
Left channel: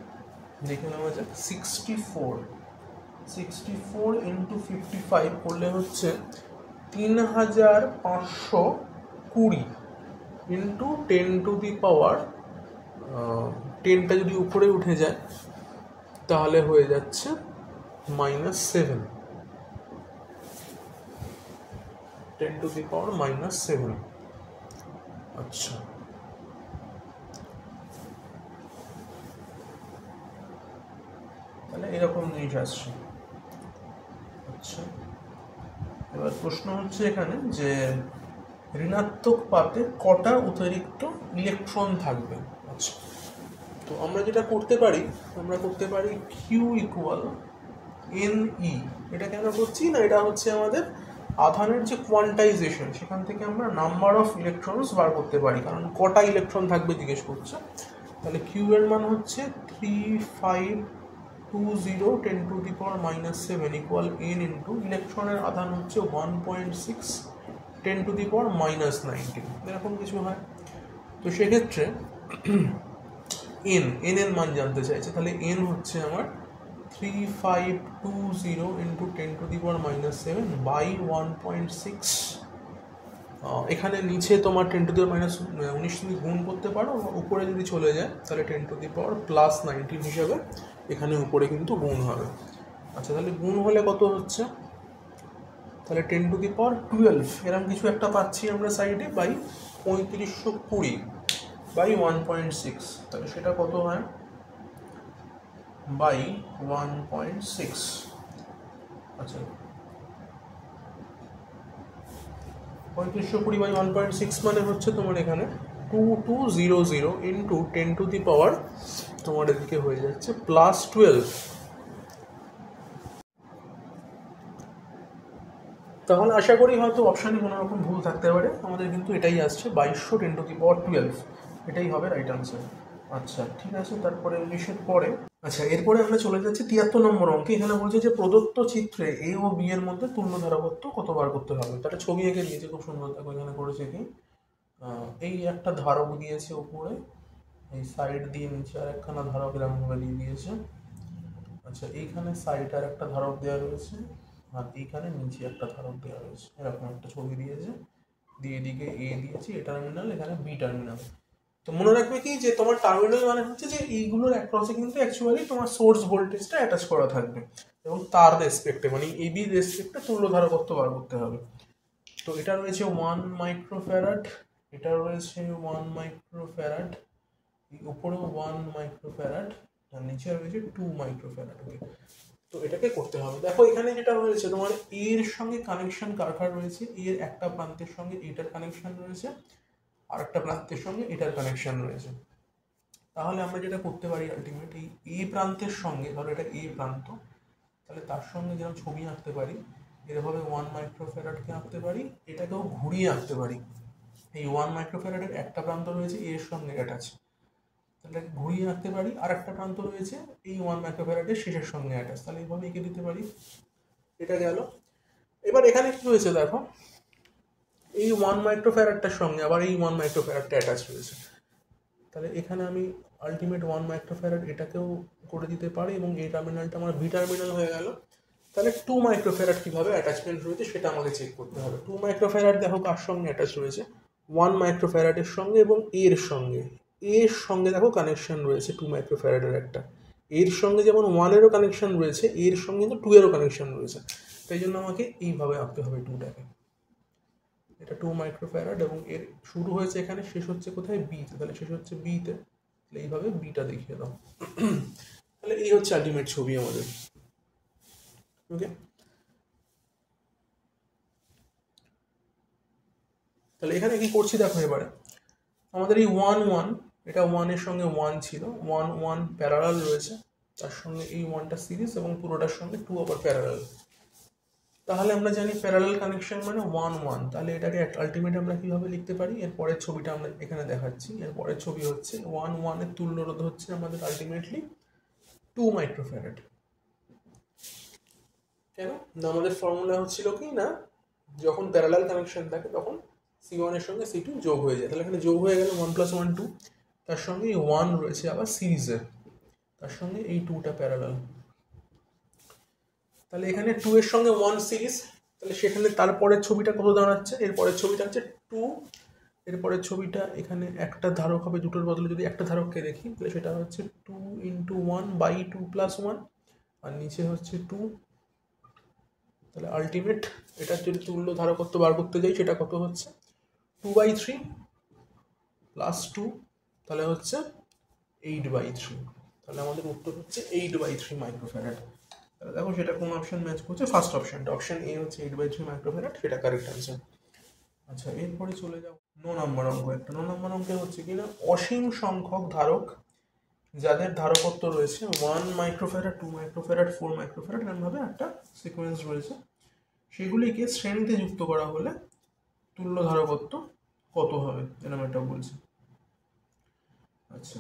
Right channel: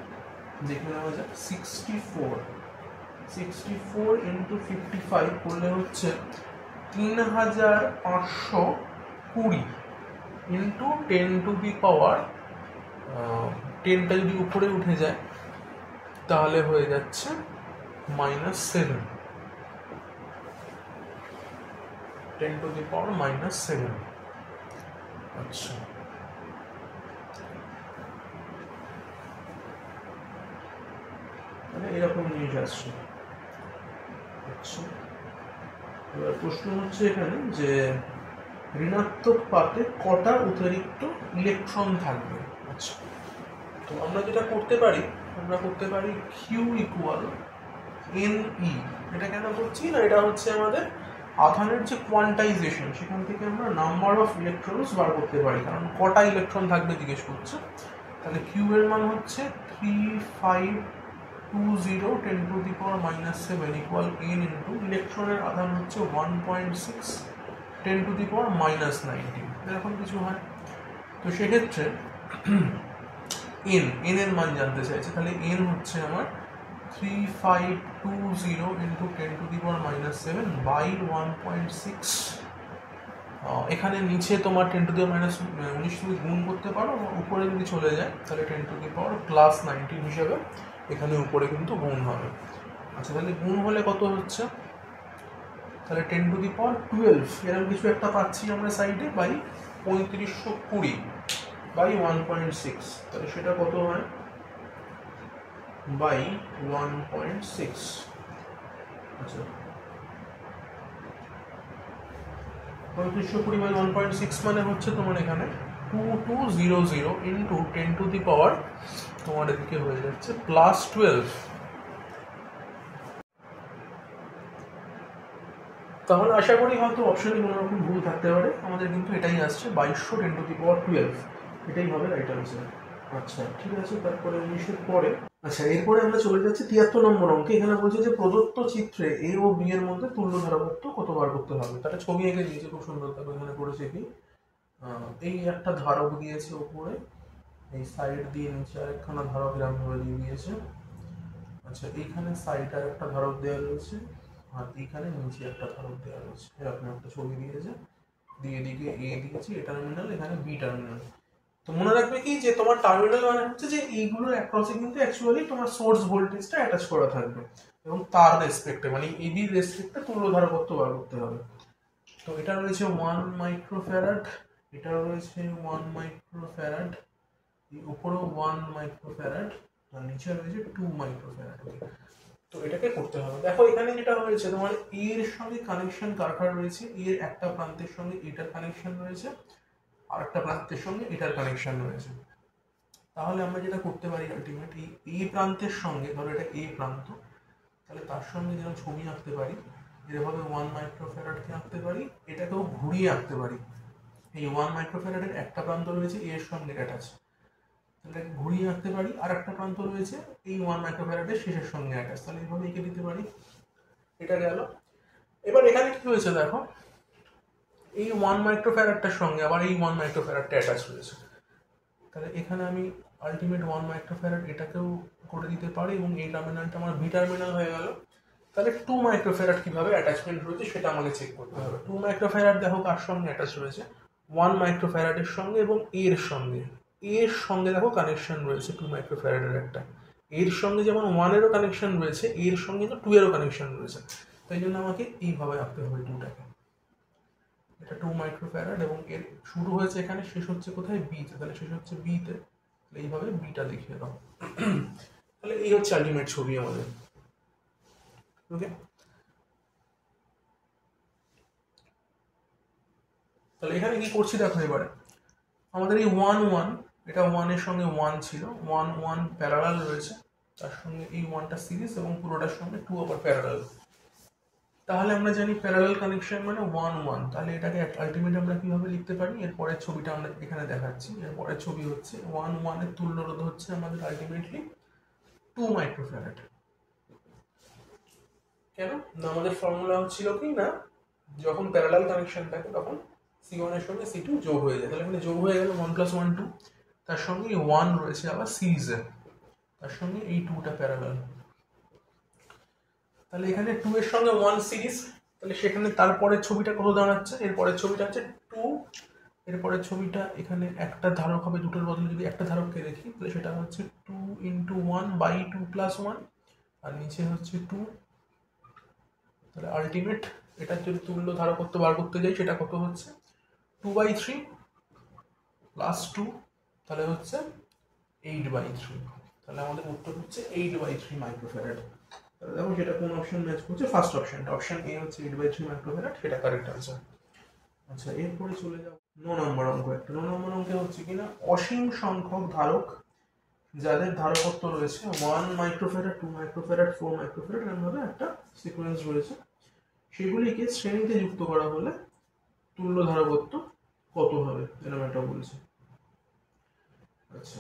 দেখে নেওয়া যাক। 64 × 55 করলে হচ্ছে 3520 ইন্টু 10⁻10টা যদি উপরে উঠে যায় তাহলে হয়ে যাচ্ছে -7, 10⁻⁻7। আচ্ছা, তাহলে এরকম জিনিস আসছে। আচ্ছা, এবার প্রশ্ন হচ্ছে এখানে যে ঋণাত্মক পাতে কটা অতিরিক্ত ইলেকট্রন থাকবে। আচ্ছা, তো আমরা যেটা করতে পারি, আমরা করতে পারি কিউ ইকুয়াল এন ই। এটা কেন করছি না, এটা হচ্ছে আমাদের আধানের যে কোয়ান্টাইজেশন, সেখান থেকে আমরা নাম্বার অফ ইলেকট্রনস বার করতে পারি, কারণ কটা ইলেকট্রন থাকবে জিজ্ঞেস করছে। তাহলে কিউ এর মান হচ্ছে 3520 10⁻⁻7 ইকুয়াল n ইন্টু ইলেকট্রনের আধান হচ্ছে 1.6 10⁻⁻19 এরকম কিছু হয়। তো সেক্ষেত্রে এন এর মান জানতে চাইছে, তাহলে এন হচ্ছে আমার 3520 ইন্টু 10⁻⁻7 বাই 1.6। এখানে নিচে তোমার 10⁻⁻19 তুমি গুণ করতে পারো, উপরে যদি চলে যায় তাহলে 10⁻+19 হিসাবে এখানে উপরে কিন্তু গুণ হবে। আচ্ছা, তাহলে গুণ হলে কত হচ্ছে, তাহলে 10⁻12 এরকম কিছু একটা পাচ্ছি আমরা সাইডে, বাই 3520 বাই 1.6, তাহলে সেটা কত হয় বাই 1.6। আচ্ছা, 3520 বাই 1.6 মানে হচ্ছে তোমার এখানে 2200 ইন্টু 10⁻, তোমার এদিকে হয়ে যাচ্ছে +12। তাহলে আশা করি হয়তো অপশানে কোনো রকম ভুল থাকতে পারে, আমাদের কিন্তু এটাই আসছে 2200 10⁻12, এটাই হবে রাইট আনসার। আচ্ছা ঠিক আছে, তারপরে 19-এর পরে, আচ্ছা এরপরে আমরা চলে যাচ্ছি 73 নম্বর অঙ্কে। এখানে বলছে যে প্রদত্ত চিত্রে এ ও বি এর মধ্যে তুল্য ধারকত্ব কত বার করতে হবে। তাহলে ছবি এঁকে দিয়েছে খুব সুন্দর, দেখো এখানে করেছে কি, এই একটা ধারক দিয়েছে উপরে, এই সাইড দিয়ে নিচে আর একখানা ধারক এরকমভাবে দিয়ে দিয়েছে। আচ্ছা, এইখানে সাইড আর একটা ধারক দেওয়া রয়েছে, আর এইখানে নিচে একটা ধারক দেওয়া রয়েছে, এরকম একটা ছবি দিয়েছে, দিয়ে দিকে এ দিয়েছি, এ টার্মিনাল, এখানে বি টার্মিনাল। তো মনে রাখবে কি যে তোমার টার্মিনাল মানে হচ্ছে যে এইগুলোর অ্যাক্রসে কিন্তু অ্যাকচুয়ালি তোমার সোর্স ভোল্টেজটা অ্যাটাচ করা থাকবে, এবং তার রেসপেক্টে মানে এবির রেসপেক্টে তুল্য ধারকত্ব বার করতে হবে। তো এটা রয়েছে 1 মাইক্রোফ্যারাড, এটা রয়েছে 1 মাইক্রোফ্যারাড, উপরেও 1 মাইক্রোফ্যারাড, আর নিচে রয়েছে 2 মাইক্রোফ্যারাড। ওকে, তো এটাকে করতে হবে। দেখো এখানে যেটা হয়েছে, তোমার এর সঙ্গে কানেকশন কার রয়েছে, এর একটা প্রান্তের সঙ্গে এটার কানেকশন রয়েছে, আর একটা প্রান্তের সঙ্গে এটার কানেকশন রয়েছে। তাহলে আমরা যেটা করতে পারি আলটিমেট, এই এ প্রান্তের সঙ্গে, ধরো এটা এ প্রান্ত, তাহলে তার সঙ্গে যেমন ছবি আঁকতে পারি, এভাবে 1 মাইক্রোফ্যারাডকে আঁকতে পারি, এটাকেও ঘুরিয়ে আঁকতে পারি। এই 1 মাইক্রোফ্যারাডের একটা প্রান্ত রয়েছে এর সঙ্গে অ্যাটাচ, তাহলে ঘুরিয়ে আঁকতে পারি, আর একটা প্রান্ত রয়েছে এই 1 মাইক্রোফ্যারাডের শেষের সঙ্গে অ্যাটাচ, তাহলে এইভাবে এঁকে দিতে পারি। এটা গেল। এবার এখানে কি হয়েছে দেখো, এই 1 মাইক্রোফ্যারাডটার সঙ্গে আবার এই 1 মাইক্রোফ্যারাডটা অ্যাটাচ রয়েছে, তাহলে এখানে আমি আলটিমেট 1 মাইক্রোফ্যারাড এটাকেও করে দিতে পারি, এবং এই টার্মিনালটা আমার বি টার্মিনাল হয়ে গেল। তাহলে 2 মাইক্রোফ্যারাড কিভাবে অ্যাটাচমেন্ট রয়েছে সেটা আমাকে চেক করতে হবে। 2 মাইক্রোফ্যারাড দেখো কার সঙ্গে অ্যাটাচ রয়েছে, 1 মাইক্রোফ্যারাডের সঙ্গে এবং এর সঙ্গে। এর সঙ্গে দেখো কানেকশন রয়েছে 2 মাইক্রোফ্যারাডের একটা, এর সঙ্গে যেমন 1-এরও কানেকশন রয়েছে, এর সঙ্গে কিন্তু 2-এরও কানেকশন রয়েছে, তাই জন্য আমাকে এইভাবে আঁকতে হবে 2টাকে। এটা 2 মাইক্রোফ্যারাড এবং এর শুরু হয়েছে এখানে, শেষ হচ্ছে কোথায়, বিতে, তাহলে শেষ হচ্ছে বিতে, তাহলে এইভাবে বিটা দেখিয়ে দাও। তাহলে এই হচ্ছে আলটিমেট ছবি আমাদের। ওকে, তাহলে এখানে কি করছি দেখো, এবারে আমাদের এই 1 এটা 1-এর সঙ্গে 1 ছিল, 1 প্যারালাল রয়েছে, তার সঙ্গে এই 1টা সিরিজ এবং পুরোটার সঙ্গে 2 আবার প্যারালাল। তাহলে আমরা জানি প্যারালাল কানেকশন মানে 1 তাহলে এটাকে আলটিমেট আমরা কিভাবে লিখতে পারি, এর পরের ছবিটা আমরা এখানে দেখাচ্ছি। এর পরের ছবি হচ্ছে 1 এর তুল্য রোধ হচ্ছে আমাদের আলটিমেটলি 2 মাইক্রোফ্যারাড। কেন না, আমাদের ফর্মুলা হচ্ছিল কি না, যখন প্যারালাল কানেকশন থাকে তখন C1 এর সঙ্গে C2 যোগ হয়ে যায়, তাহলে এখানে যোগ হয়ে গেল 1 + 1 2, তার সঙ্গে এই 1 রয়েছে আবার সিরিজে, তার সঙ্গে এই 2টা প্যারালাল, তাহলে এখানে 2 এর সঙ্গে 1 সিরিজ, তাহলে সেখানে তারপরের ছবিটা কত দাঁড়াচ্ছে, এরপরের ছবিটা হচ্ছে 2, এরপরের ছবিটা এখানে একটা ধারক হবে, দুটোর বদলে যদি একটা ধারককে দেখি তাহলে সেটা হচ্ছে 2 × 1 / 2 + 1, আর নিচে হচ্ছে 2। তাহলে আলটিমেট এটা যদি তুল্য ধারকত্ব বার করতে যাই সেটা কত হচ্ছে 2/3 + 2, তাহলে হচ্ছে 8/3, তাহলে আমাদের উত্তর হচ্ছে 8/3 মাইক্রোফ্যারাড। তাহলে দেখো সেটা কোন অপশন ম্যাচ করছে, ফার্স্ট অপশনটা, অপশন এ হচ্ছে 8/3 মাইক্রোফ্যারাড, সেটা কারেক্ট আনসার। আচ্ছা এরপরে চলে যাও 9 নম্বর অঙ্ক। একটা 9 নম্বর অঙ্কে হচ্ছে কিনা, অসীম সংখ্যক ধারক যাদের ধারকত্ব রয়েছে 1 মাইক্রোফ্যারাড, 2 মাইক্রোফ্যারাড, 4 মাইক্রোফ্যারাড, এরকমভাবে একটা সিকোয়েন্স রয়েছে, সেগুলিকে শ্রেণীতে যুক্ত করা হলে তুল্য ধারকত্ব কত হবে এরকম একটা বলছে। আচ্ছা,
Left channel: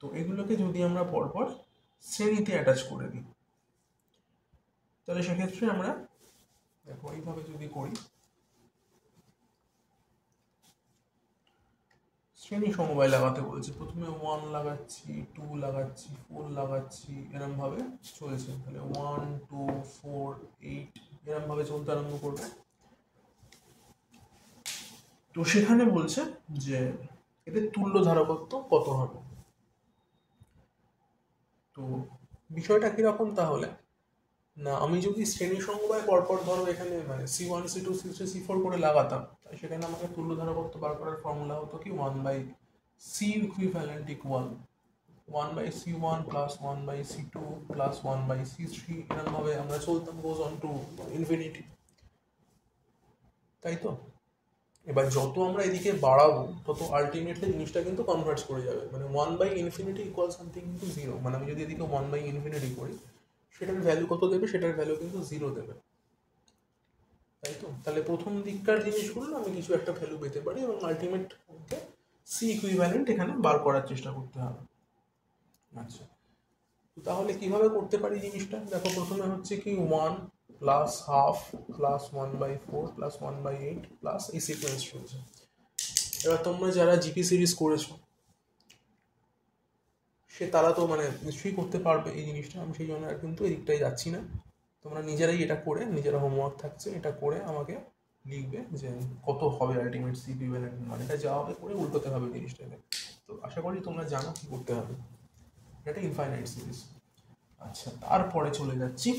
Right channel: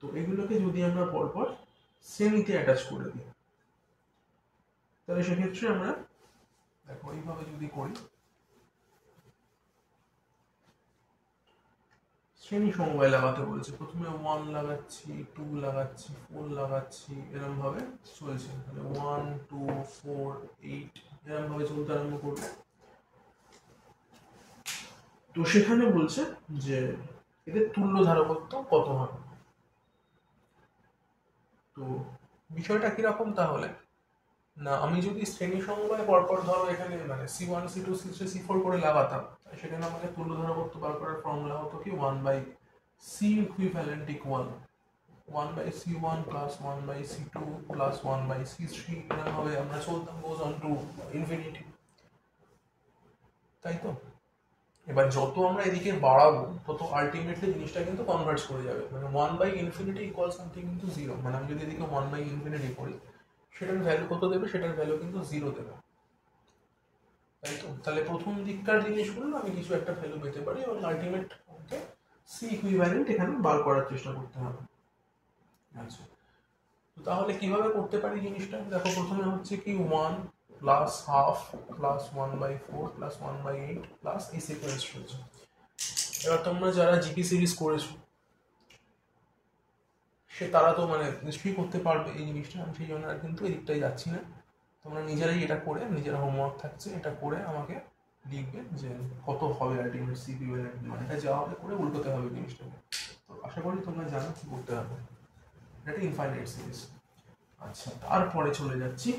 তো এগুলোকে যদি আমরা পরপর শ্রেণীতে অ্যাটাচ করে দিই, তাহলে সেক্ষেত্রে আমরা দেখো এইভাবে যদি করি, শ্রেণী সমবায় লাগাতে বলছে। প্রথমে 1 লাগাচ্ছি, 2 লাগাচ্ছি, 4 লাগাচ্ছি, এরকম ভাবে চলছে। তাহলে 1, 2, 4, 8 এরকম ভাবে চলতে আরম্ভ করবে। তো সেখানে বলছে যে এদের তুল্য ধারকত্ব কত হবে। তো বিষয়টা কিরকম তাহলে না, আমি যদি শ্রেণী সমবায় পরপর ধরো এখানে মানে C1, C2, C3, C4 করে লাগাতাম, সেখানে আমাকে তুল্য ধারকত্ব বার করার ফর্মুলা হতো কি 1/C equivalent equal 1/C1 plus 1/C2 plus 1/C3, এরকম ভাবে আমরা চলতাম গোজ অন টু ইনফিনিটি, তাই তো। এবার যত আমরা এদিকে বাড়াবো তত আলটিমেটলি জিনিসটা কিন্তু কনভার্জ করে যাবে, মানে 1/∞ ইকুয়াল সামথিং কিন্তু 0। মানে আমি যদি এদিকে 1/∞ করি, সেটার ভ্যালু কত দেবে, সেটার ভ্যালু কিন্তু 0 দেবে, তাই তো। তাহলে প্রথম দিককার জিনিসগুলো আমি কিছু একটা ভ্যালু পেতে পারি এবং আলটিমেট সি ইকুইভ্যালেন্ট এখানে বার করার চেষ্টা করতে হবে। আচ্ছা, তো তাহলে কিভাবে করতে পারি জিনিসটা দেখো। প্রথমে হচ্ছে কি 1 plus half plus 1/4 plus 1/8 plus এই সিকোয়েন্স রয়েছে। এবার তোমরা যারা জিপি সিরিজ করেছো তারা তো মানে নিশ্চয়ই করতে পারবে এই জিনিসটা। আমি সেই জন্য আর কিন্তু এই দিকটাই যাচ্ছি না। তোমরা নিজেরাই এটা করে, নিজেরা হোমওয়ার্ক থাকছে, এটা করে আমাকে লিখবে যে কত হবে আলটিমেট সি ইকুইভ্যালেন্ট, মানে এটা যা হবে করে উল্টোতে হবে জিনিসটাকে। তো আশা করি তোমরা জানো কি করতে হবে। এটা ইনফাইনাইট সিরিজ। আচ্ছা, তারপরে চলে যাচ্ছি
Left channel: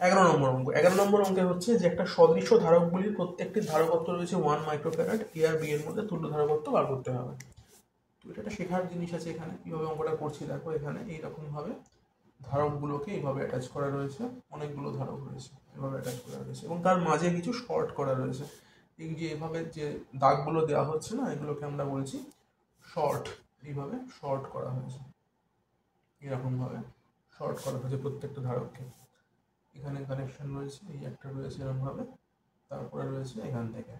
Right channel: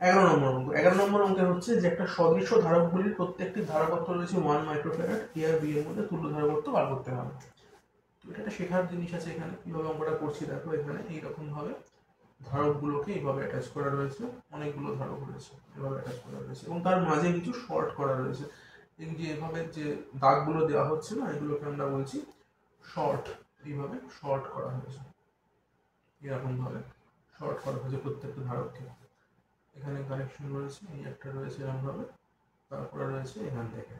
11 নম্বর অঙ্ক। 11 নম্বর অঙ্কে হচ্ছে যে একটা সদৃশ্য ধারকগুলির প্রত্যেকটি ধারকত্ব রয়েছে 1 মাইক্রোফ্যারাড, এ আর বি এর মধ্যে তুল্য ধারকত্ব বার করতে হবে। তো এটা একটা শেখার জিনিস আছে। এখানে কিভাবে অঙ্কটা করছি দেখো, এখানে এইরকম ভাবে ধারকগুলোকে এইভাবে অ্যাটাচ করা রয়েছে, অনেকগুলো ধারক রয়েছে এভাবে অ্যাটাচ করা রয়েছে, এবং তার মাঝে কিছু শর্ট করা রয়েছে। এই যে এভাবে যে দাগগুলো দেওয়া হচ্ছে না, এগুলোকে আমরা বলছি শর্ট। এইভাবে শর্ট করা হয়েছে, এরকম ভাবে শর্ট করা হয়েছে প্রত্যেকটা ধারককে। এখানে কানেকশন রয়েছে, এই একটা রয়েছে এরকম ভাবে, তারপরে রয়েছে এখান থেকে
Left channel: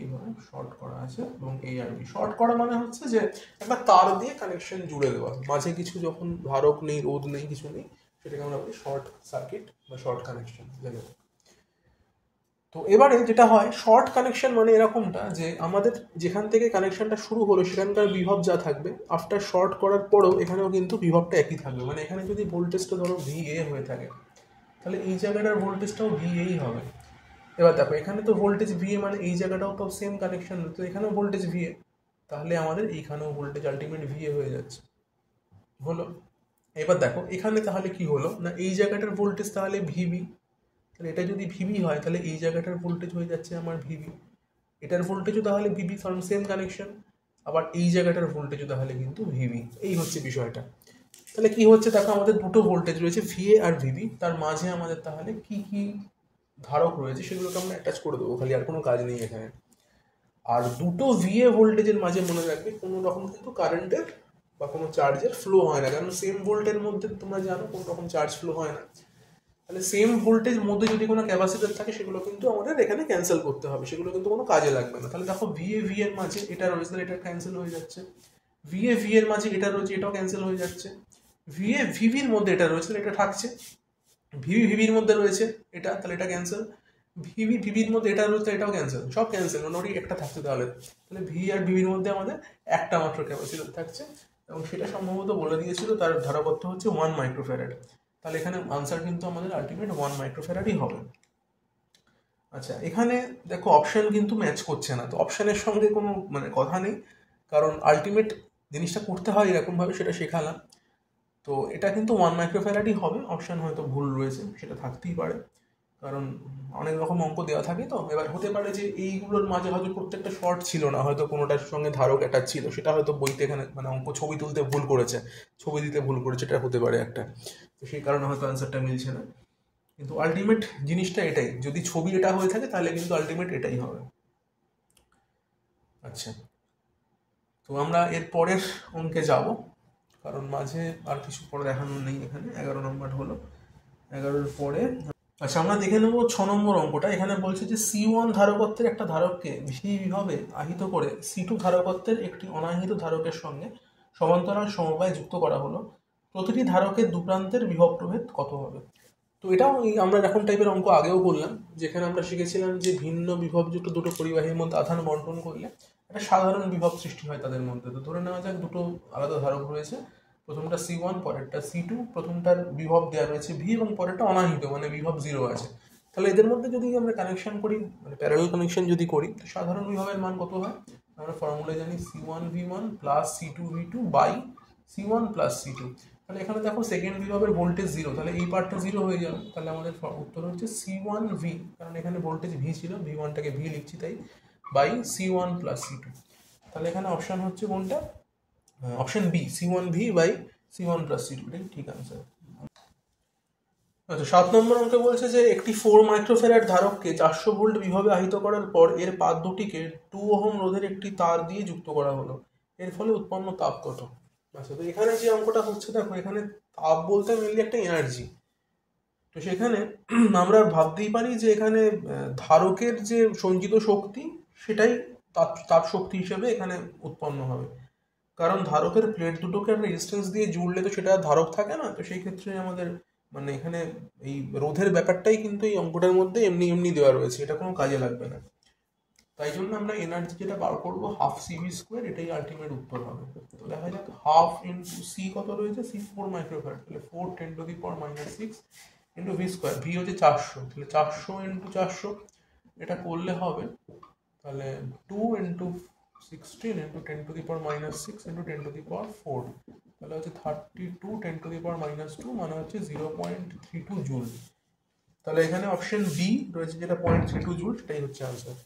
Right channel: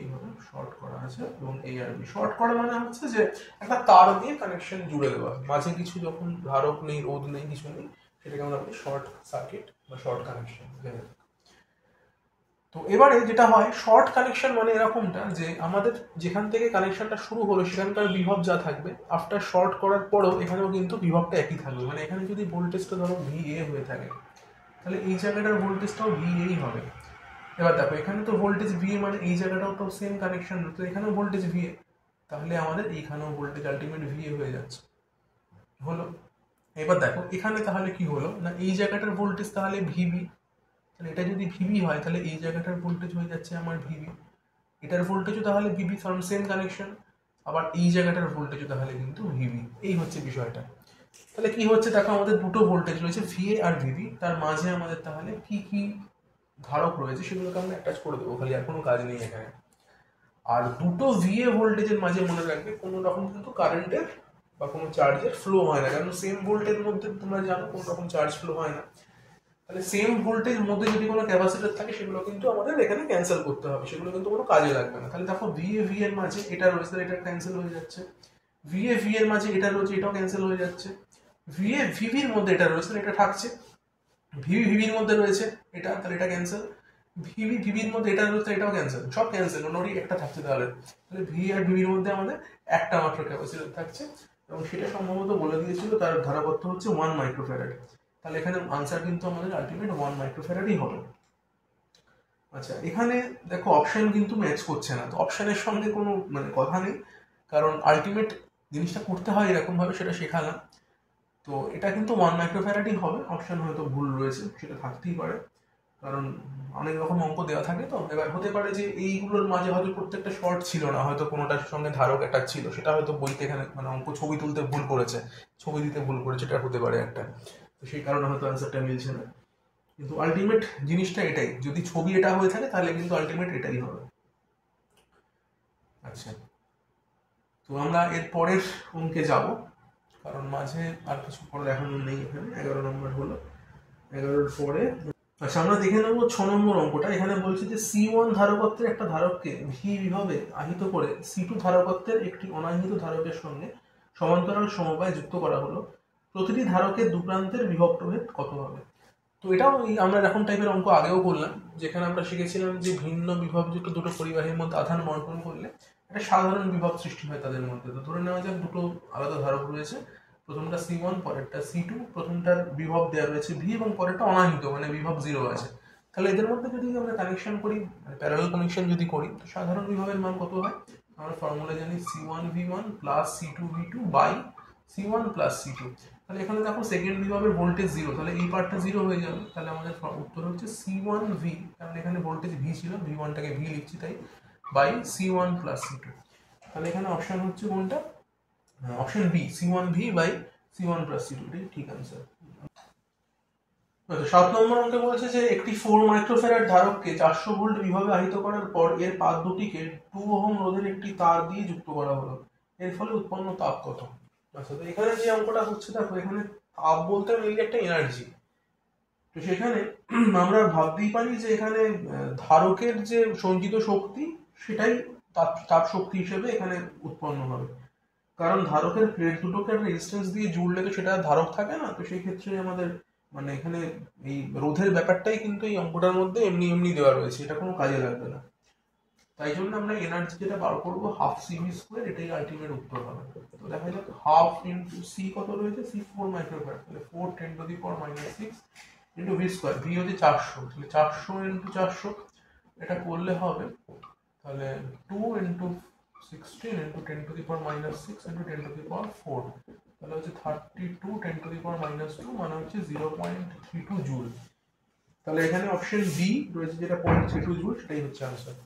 এইভাবে শর্ট করা আছে। এবং এই আর বি শর্ট করা মানে হচ্ছে যে একটা তার দিয়ে কানেকশন জুড়ে দেওয়া, মাঝে কিছু যখন ধারক নেই, রোধ নেই, কিছু নেই, সেটাকে আমরা বলি শর্ট সার্কিট বা শর্ট কানেকশন। তো এবারে যেটা হয়, শর্ট কানেকশন মানে এরকমটা যে আমাদের যেখান থেকে কানেকশনটা শুরু হলো সেখানকার বিভব যা থাকবে, আফটার শর্ট করার পরেও এখানেও কিন্তু বিভবটা একই থাকবে। মানে এখানে যদি ভোল্টেজটা ধরো VA হয়ে থাকে, তাহলে এই জায়গাটার ভোল্টেজটাও VAই হবে। এবার দেখো, এখানে তো ভোল্টেজ VA, মানে এই জায়গাটাও তো সেম কানেকশন, তো এখানেও ভোল্টেজ VA, তাহলে আমাদের এইখানেও ভোল্টেজ আলটিমেট VA হয়ে যাচ্ছে, হলো। এবার দেখো এখানে তাহলে কি হলো না, এই জায়গাটার ভোল্টেজ তাহলে VB, তাহলে এটা যদি VB হয় তাহলে এই জায়গাটার ভোল্টেজ হয়ে যাচ্ছে আমার VB, এটার ভোল্টেজও তাহলে VB, কারণ সেম কানেকশন। আবার এই জায়গাটার ভোল্টেজও তাহলে কিন্তু VB। এই হচ্ছে বিষয়টা। তাহলে কি হচ্ছে দেখো, আমাদের দুটো ভোল্টেজ রয়েছে VA আর VB, তার মাঝে আমাদের তাহলে কি কি ধারক রয়েছে সেগুলোকে আমরা অ্যাটাচ করে দেবো, খালি আর কোনো কাজ নেই এখানে। আর দুটো VA ভোল্টেজের মাঝে মনে রাখবে কোনো রকম কিন্তু কারেন্টের বা কোনো চার্জের ফ্লো হয় না, কারণ সেম ভোল্টের মধ্যে তোমরা জানো কোনো রকম চার্জ ফ্লো হয় না। তাহলে সেম ভোল্টেজ মধ্যে যদি কোনো ক্যাপাসিটর থাকে, সেগুলো কিন্তু আমাদের এখানে ক্যান্সেল করতে হবে, সেগুলো কিন্তু কোনো কাজে লাগবে না। তাহলে দেখো VA এর মাঝে এটা রয়েছে, এটা ক্যান্সেল হয়ে যাচ্ছে। VA এর মাঝে এটা রয়েছে, এটাও ক্যান্সেল হয়ে যাচ্ছে। VA এর মধ্যে এটা রয়েছে, এটা থাকছে। VB এর মধ্যে রয়েছে এটা, তাহলে এটা ক্যান্সেল। VB এর মধ্যে এটা রয়েছে, এটাও ক্যান্সেল, সব ক্যান্সেল। মোটামুটি একটা থাকছে তাহলে VA আর VB এর মধ্যে আমাদের একটা মাত্র ক্যাপাসিটর থাকছে, এবং সেটা সম্ভবত বলে দিয়েছিল তার ধারকত্ব হচ্ছে 1 মাইক্রোফ্যারাড। তাহলে এখানে আনসার কিন্তু আমাদের আলটিমেট 1 মাইক্রোফ্যারাডই হবে। আচ্ছা, এখানে দেখো অপশন কিন্তু ম্যাচ করছে না, তো অপশনের সঙ্গে কোনো মানে কথা নেই, কারণ আলটিমেট জিনিসটা করতে হয় এরকমভাবে, সেটা শেখালাম। তো এটা কিন্তু 1 মাইক্রোফ্যারাডই হবে, অপশন হয়তো ভুল রয়েছে, সেটা থাকতেই পারে, কারণ অনেক রকম অঙ্ক দেওয়া থাকে। তো এবার হতে পারে যে এইগুলোর মাঝে হয়তো প্রত্যেকটা শর্ট ছিল না, হয়তো কোনোটার সঙ্গে ধারক একটা ছিল, সেটা হয়তো বইতে এখানে মানে অঙ্ক ছবি তুলতে ভুল করেছে, ছবি দিতে ভুল করেছে, এটা হতে পারে একটা। তো সেই কারণে হয়তো অ্যান্সারটা মিলছে না, কিন্তু আলটিমেট জিনিসটা এটাই। যদি ছবি এটা হয়ে থাকে তাহলে কিন্তু আলটিমেট এটাই হবে। আচ্ছা, তো আমরা এর পরের অঙ্কে যাব। কারণ মাঝে আর কিছু পরে দেখানো নেই। এখানে 11 নম্বর হলো, 11-এর পরে। আচ্ছা, আমরা দেখে নেব 6 নম্বর অঙ্কটা। এখানে বলছে যে C1 ধারকত্বের একটা ধারককে ভি বিভবে আহিত করে C2 ধারকত্বের একটি অনাহিত ধারকের সঙ্গে সমান্তরাল সমবায় যুক্ত করা হলো। প্রতিটি ধারকের দুপ্রান্তের বিভব প্রভেদ কত হবে? তো এটাও আমরা এরকম টাইপের অঙ্ক আগেও করলাম, যেখানে আমরা শিখেছিলাম যে ভিন্ন বিভবযুক্ত দুটো পরিবাহীর মধ্যে আধান বন্টন করলে একটা সাধারণ বিভব সৃষ্টি হয় তাদের মধ্যে। তো ধরে নেওয়া যাক দুটো আলাদা ধারক রয়েছে, প্রথমটা C1, পরেরটা C2। প্রথমটার বিভব দেওয়া রয়েছে ভি এবং পরেরটা অনাহিত, মানে বিভব 0 আছে। তাহলে এদের মধ্যে যদি আমরা কানেকশন করি, মানে প্যারালাল কানেকশন যদি করি, তো সাধারণ বিভবের মান কত হয়? আমরা ফর্মুলা জানি C1V1 plus C2V2 by C1 plus C2। তাহলে এখানে দেখো সেকেন্ড বিভবের ভোল্টেজ 0, তাহলে এই পার্টটা 0 হয়ে যাবে। তাহলে আমাদের উত্তর হচ্ছে C1V, কারণ এখানে ভোল্টেজ ভি ছিল, V1টাকে ভি লিখছি তাই, বাই C1 প্লাস C2। তাহলে এখানে অপশন হচ্ছে কোনটা? Option B, C1V by C1 plus C2, এটাই ঠিক আনসার। আচ্ছা, 7 নম্বর অঙ্কে বলছে যে একটি 4 মাইক্রোফ্যারাড ধারককে 400 ভোল্ট বিভবে আহিত করার পর এর পাত দুটিকে 2 ওহম রোধের একটি তার দিয়ে যুক্ত করা হলো। এর ফলে উৎপন্ন তাপ কত? আচ্ছা, তো এখানে যে অঙ্কটা হচ্ছে দেখো, এখানে তাপ বলতে মিলে একটা এনার্জি। তো সেখানে আমরা ভাবতেই পারি যে এখানে ধারকের যে সঞ্চিত শক্তি সেটাই তাপ শক্তি হিসেবে এখানে উৎপন্ন হবে। কারণ ধারকের প্লেট দুটোকে একটা রেজিস্ট্যান্স দিয়ে জুড়লে তো সেটা ধারক থাকে না। তো সেই ক্ষেত্রে আমাদের মানে এখানে এই রোধের ব্যাপারটাই কিন্তু এই অঙ্কটার মধ্যে এমনি এমনি দেওয়া রয়েছে, এটা কোনো কাজে লাগবে না। তাই জন্য আমরা এনার্জি যেটা বার করবো হাফ CV², এটাই আলটিমেট উত্তর হবে। তো দেখা যাক হাফ ইন্টু সি কত রয়েছে, C 4 মাইক্রোফ্যারাড, তাহলে 4 10⁻⁻6 ইন্টু V², ভি হচ্ছে 400, তাহলে 400 ইন্টু 400 এটা করলে হবে তাহলে 2 ইন্টু 16 ইন্টু 10⁻⁻6 ইন্টু 10⁻4, তাহলে হচ্ছে 32 10⁻⁻2, মানে হচ্ছে 0.32 জুল। তাহলে এখানে অপশন বি রয়েছে যেটা 0.32 জুল, সেটাই হচ্ছে আনসার।